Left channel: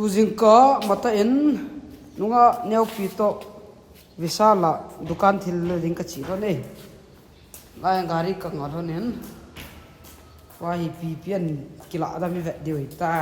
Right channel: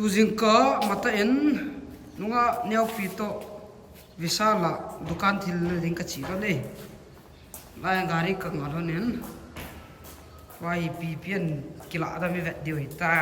tu jingka mata en nunga neo pi to visala dukan thil ding ka chi ro nei lai gari ka ngor nen wai pi pian kila da mi ve diu ta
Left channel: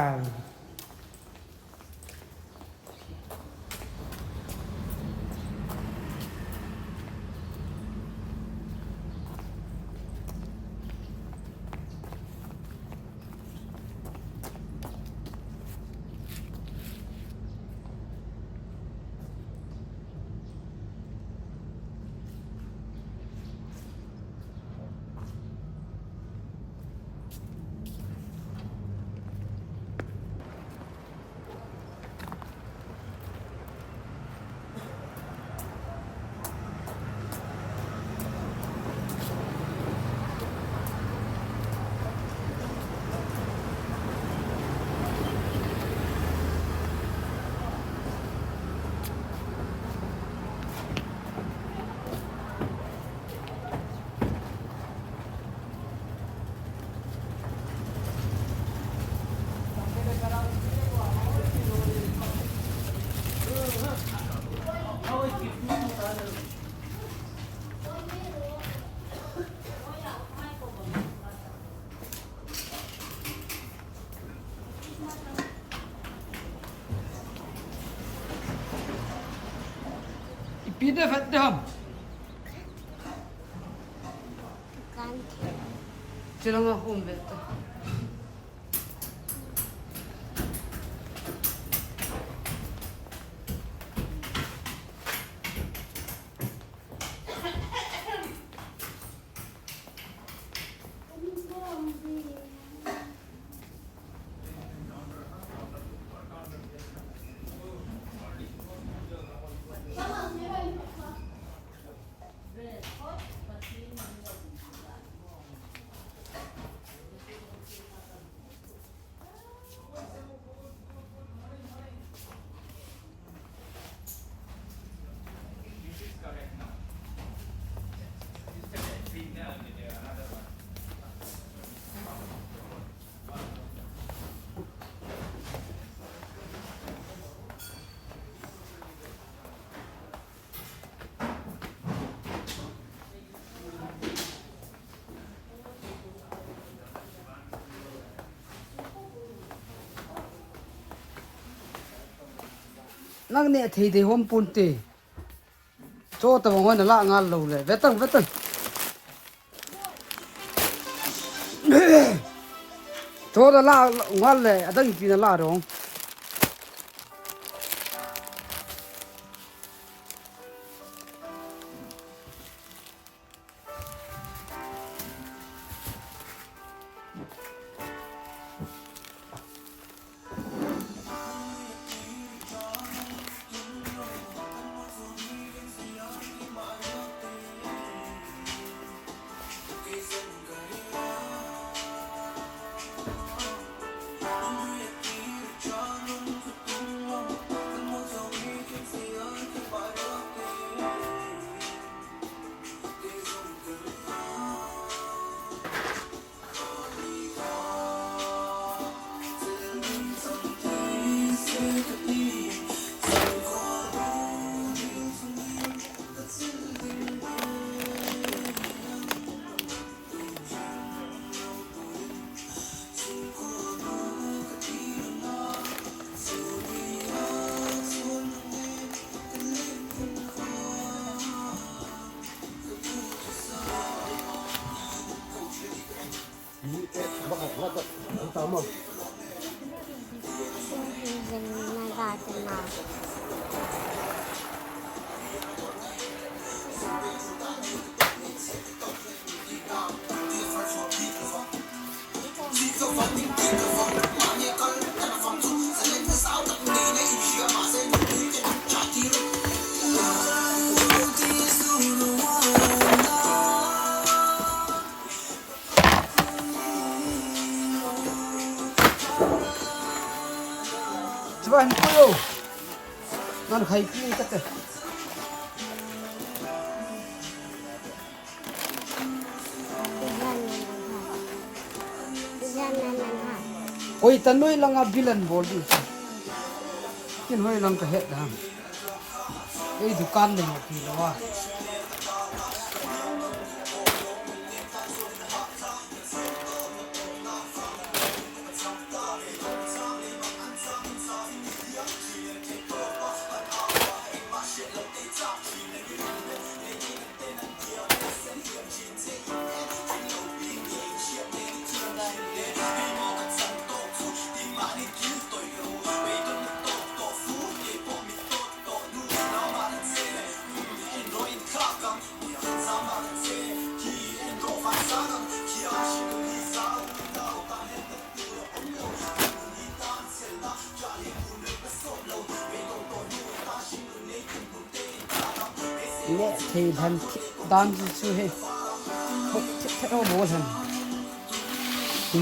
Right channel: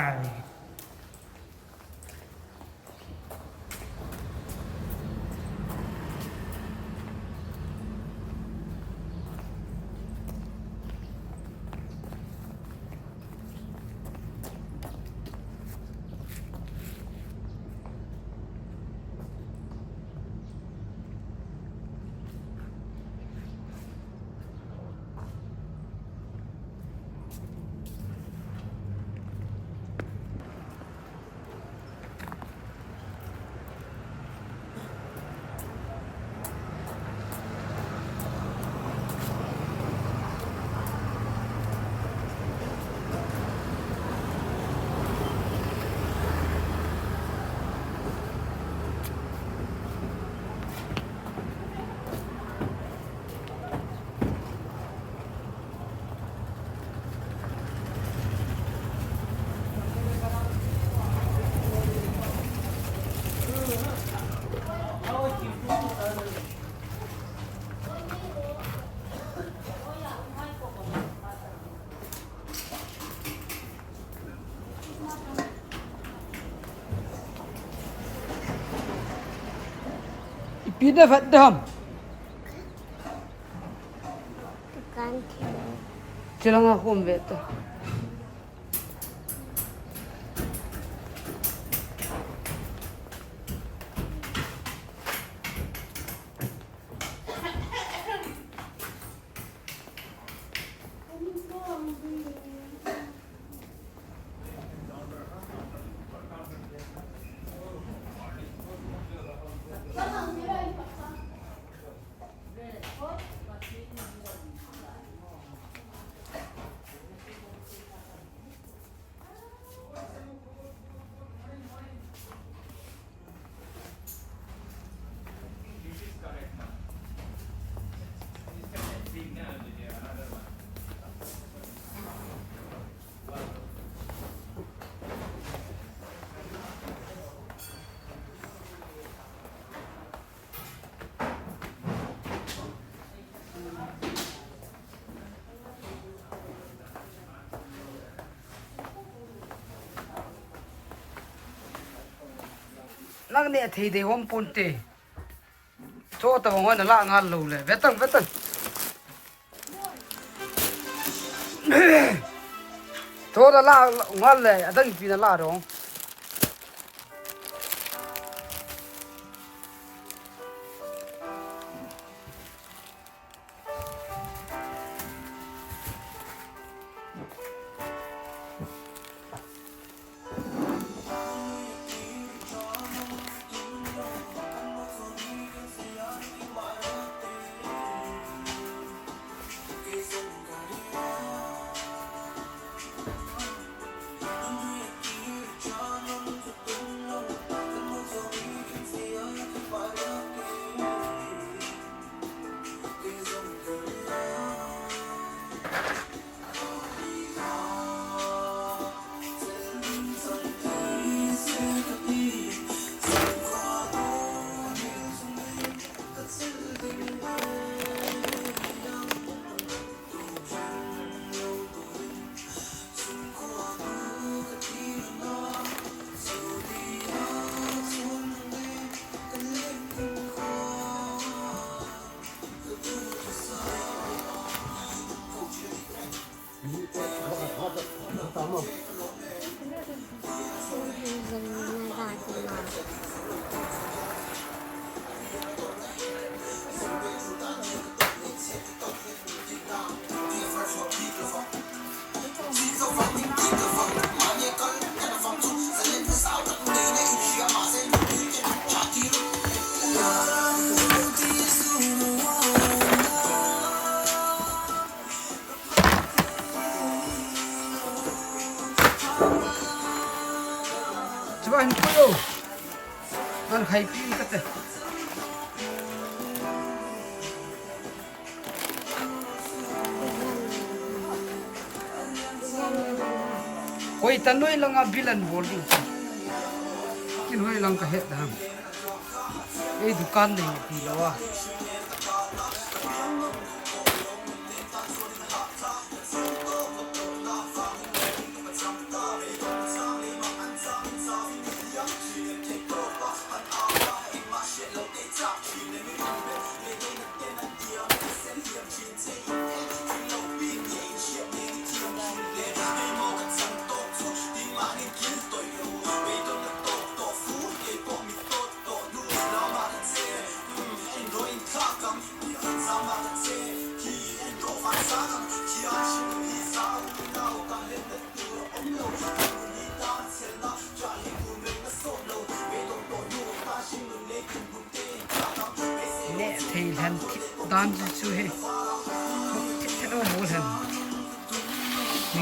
pida fat dam chilang akum beta nang ne thei de hom pun te cho ta wan la ngal lo le vetang cho da la ngal le adang pi la rong Coba ini yo, nan khai pi kate. Koi tanoi langa bilan bol du. in hoi lang ka het dam ei dukan le pi lawa nè thì thành đan chú he hốt thế đâu bố thành thì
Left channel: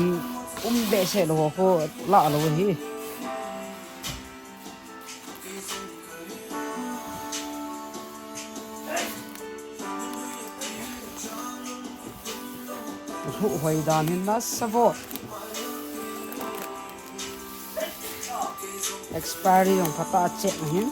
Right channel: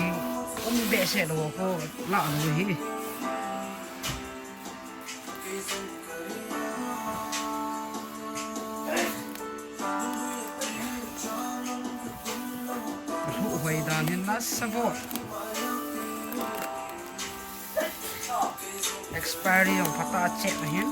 bẹ sẽ đồ phố lạ rồi hi phụ hoài đàn hin nát savo expiry of phata chết này hin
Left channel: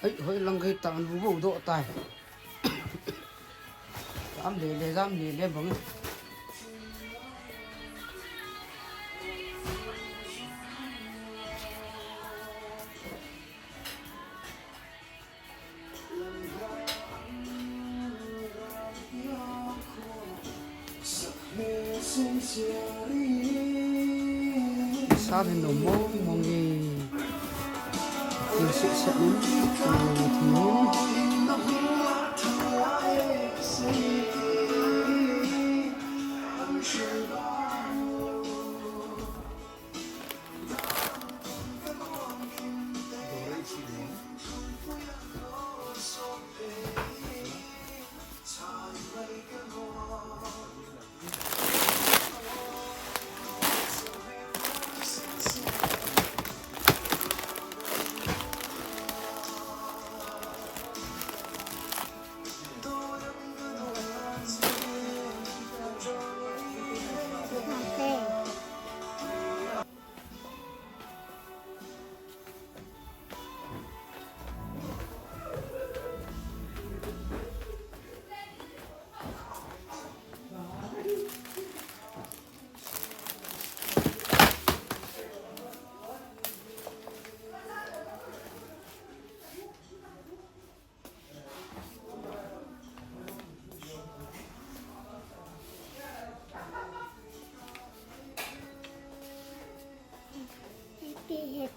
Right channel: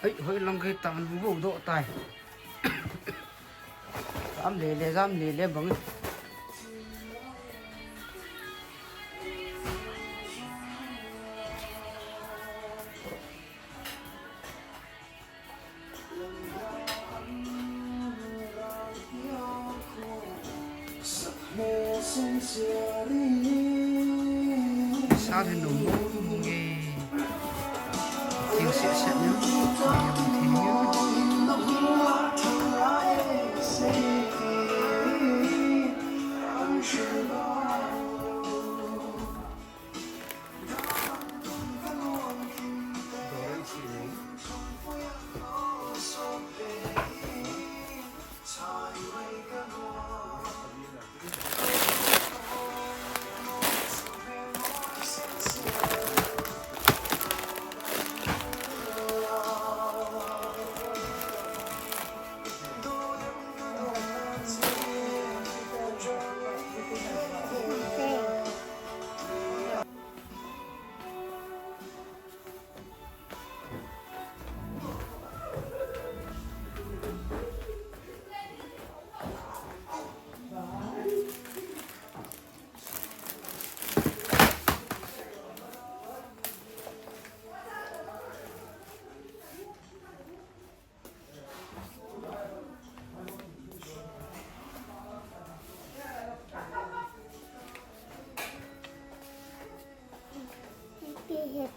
ấy hơi lăng cái tàn vũ vụ độ tài dám lề bằng sao thì nổ mô nghe yêu sẽ nhấn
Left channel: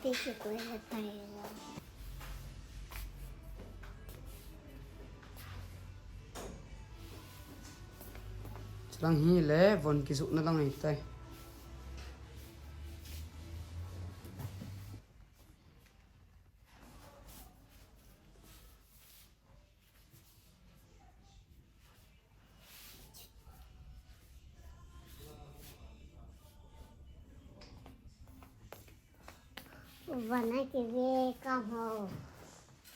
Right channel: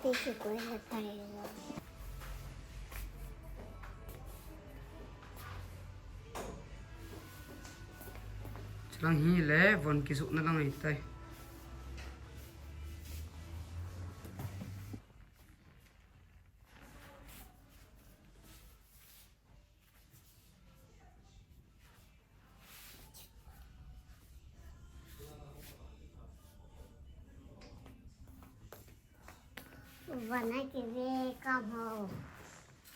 पीछे कोई पड़ेगा lang hi le von ki su na lang ai tai बना के काम हो